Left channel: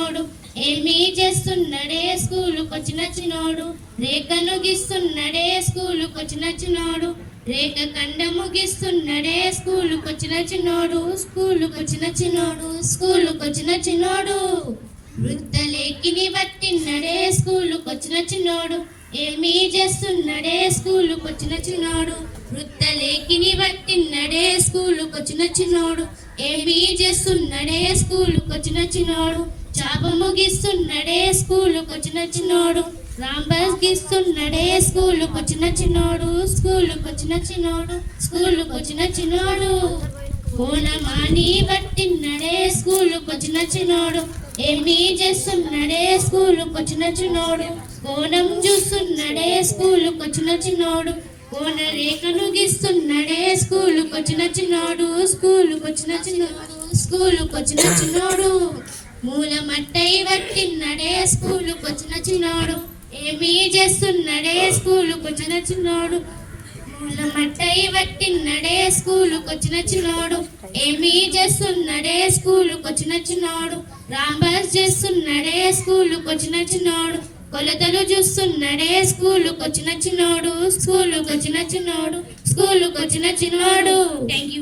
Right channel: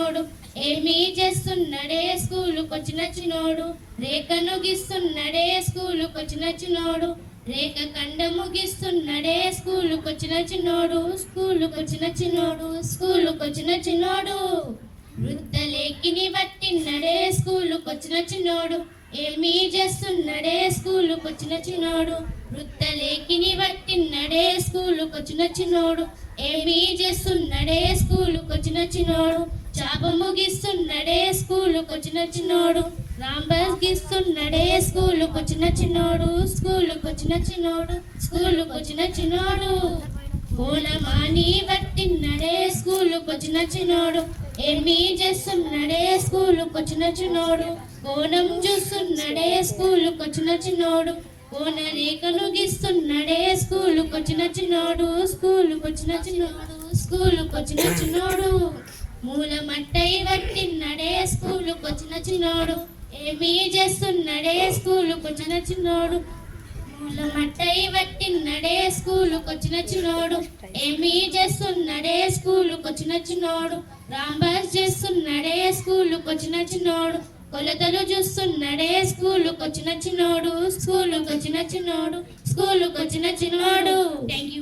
చిన్నోడు ఏమీ చేస్తున్నడే స్కూలుకొచ్చిన చిన్నోడు రేఖను గీస్తున్నడే స్కూలుకొచ్చిన చిన్నోడు రేఖ కండ ముగిస్తున్నడే స్కూలుకొచ్చిన చిన్నోడు స్కూలుకొచ్చిన చిన్నోడు వృత్తలేఖిని పట్టిన్నడే స్కూలుకొచ్చిన చిన్నోడు ఏమీ చేస్తున్నడే స్కూలుకొచ్చిన చిన్నోడు వృత్తలేఖిని పట్టిన్నడే స్కూలుకొచ్చిన చిన్నోడు ఏమీ చేస్తున్నడే స్కూలుకొచ్చిన చిన్నోడు చాప ముగిస్తున్నడే స్కూలుకొచ్చిన చిన్నోడు రాంబాస్ గీస్తున్నడే స్కూలుకొచ్చిన చిన్నోడు కోనమాని పట్టిన్నడే స్కూలుకొచ్చిన చిన్నోడు ఏమీ చేస్తున్నడే స్కూలుకొచ్చిన చిన్నోడు కోణం చూస్తున్నడే స్కూలుకొచ్చిన చిన్నోడు కోన రేఖను గీస్తున్నడే స్కూలుకొచ్చిన చిన్నోడు మూల మట్టై పట్టిన్నడే స్కూలుకొచ్చిన చిన్నోడు ఏమీ చేస్తున్నడే స్కూలుకొచ్చిన చిన్నోడు మూల మట్టై పట్టిన్నడే స్కూలుకొచ్చిన చిన్నోడు ఏమీ చేస్తున్నడే స్కూలుకొచ్చిన చిన్నోడు రాంబాస్ చేస్తున్నడే స్కూలుకొచ్చిన చిన్నోడు కొలతలు చూస్తున్నడే స్కూలుకొచ్చిన చిన్నోడు థ్యాంక్ యూ.